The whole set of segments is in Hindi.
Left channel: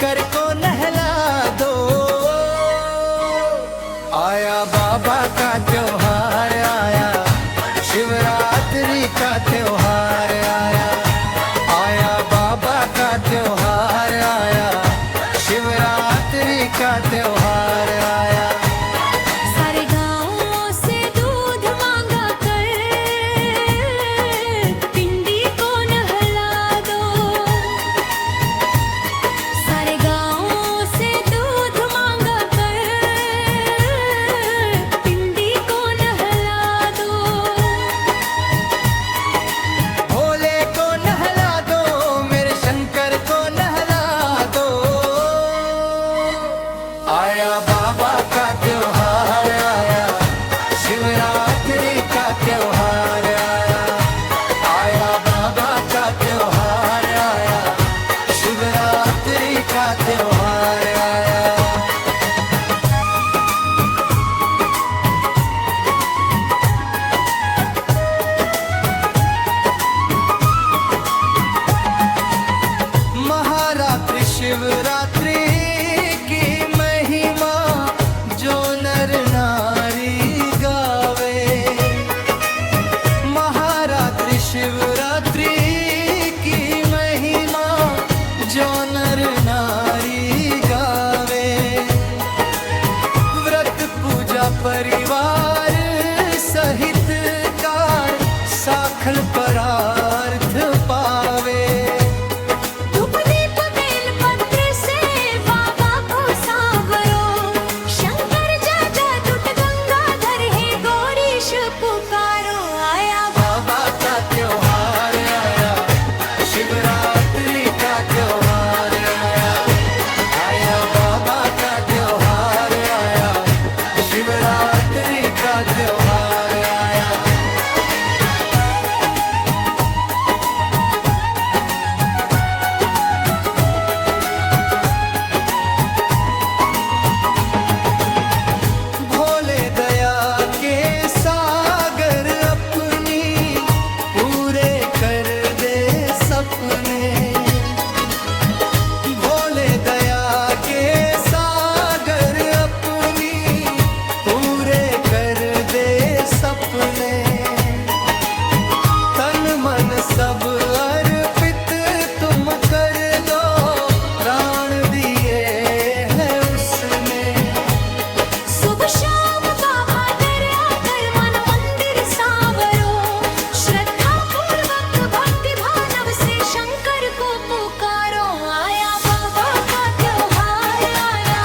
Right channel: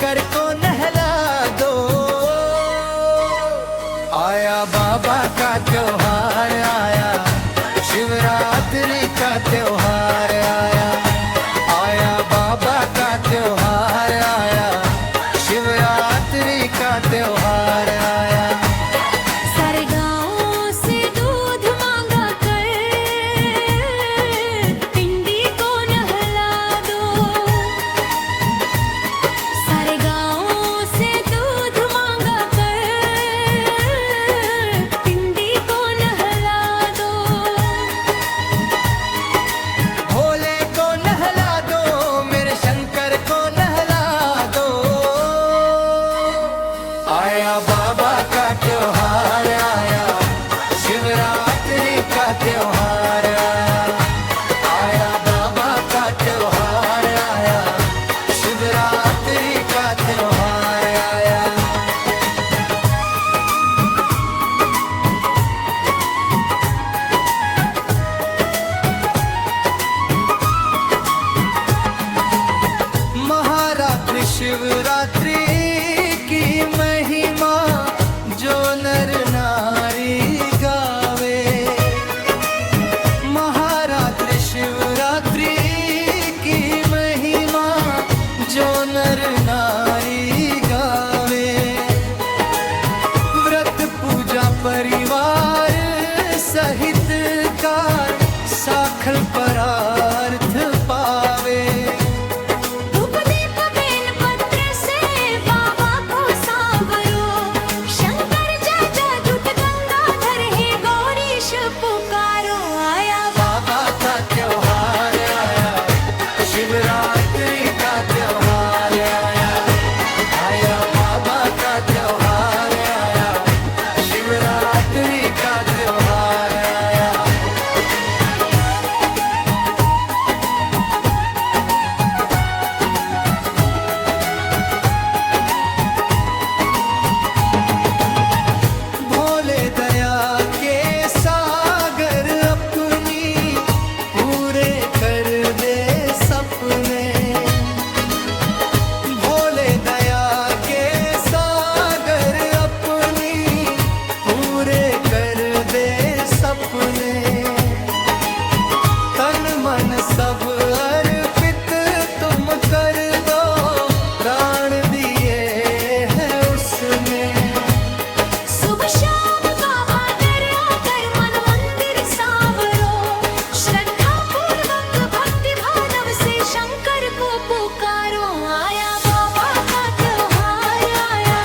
शंकर को नहला दो। आया बाबा का त्योहार आया, शिवरात्रि का त्योहार आया। आया बाबा का त्योहार आया, शिवरात्रि का त्योहार आया। सारे गाँवों से दूध मांगा कर पिंडी को नहला दो। सारे गाँवों से दूध मांगा कर पिंडी को नहला दो। भोले को नहला दो, मेरे शंकर को नहला दो। आया बाबा का त्योहार आया, शिवरात्रि का त्योहार आया। आया बाबा का त्योहार आया, शिवरात्रि का त्योहार आया। महारात्रि शिवरात्रि की महिमा जो नर नारी गावे। महारात्रि शिवरात्रि की महिमा जो नर नारी गावे। व्रत पूजा परिवार सहित कार साखल परार्थ पावे। धूप दीप बेल पत्र से बाबा को सांवरो। शंकर जय जय दूत गंगाधर है गौरीश पुकारो। आया बाबा का त्योहार आया, शिवरात्रि का त्योहार आया। आया बाबा का त्योहार आया, शिवरात्रि का त्योहार आया। भोले दया के सागर अपनी पूरे कर दे सपने। भोले दया के सागर अपनी पूरे कर दे सपने। तन मन सब अर्पित तुम कर दो, प्राण दिए हैं उसने। शुभ शाम बाबा दरिया कर मन मंदिर सावरो। श्रद्धा पूर्वक भक्ति भानव से शंकर को पुकारो। आया बाबा का त्योहार आया,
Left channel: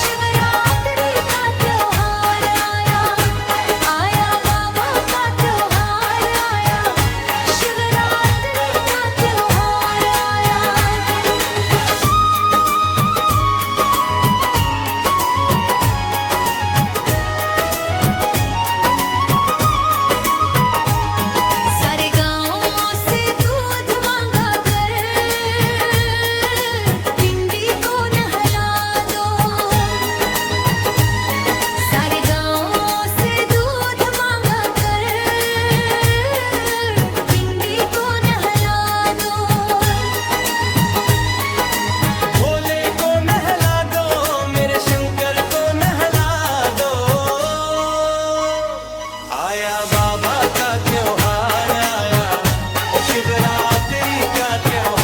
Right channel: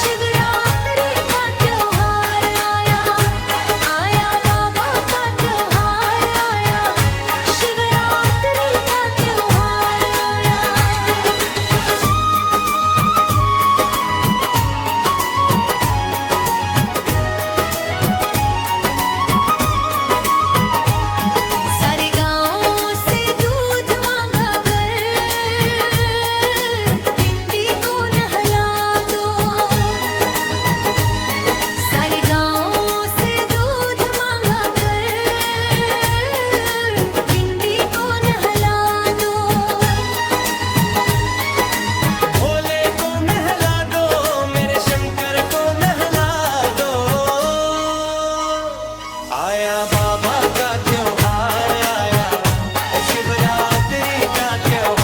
शिवरात्रि का त्योहार आया। आया बाबा का त्योहार आया, शिवरात्रि का त्योहार आया। सारे गाँवों से दूध मांगा कर पिंडी को नहला दो। सारे गाँवों से दूध मांगा कर पिंडी को नहला दो। भोले को नहला दो, मेरे शंकर को नहला दो। आया बाबा का त्योहार आया, शिवरात्रि का त्योहार।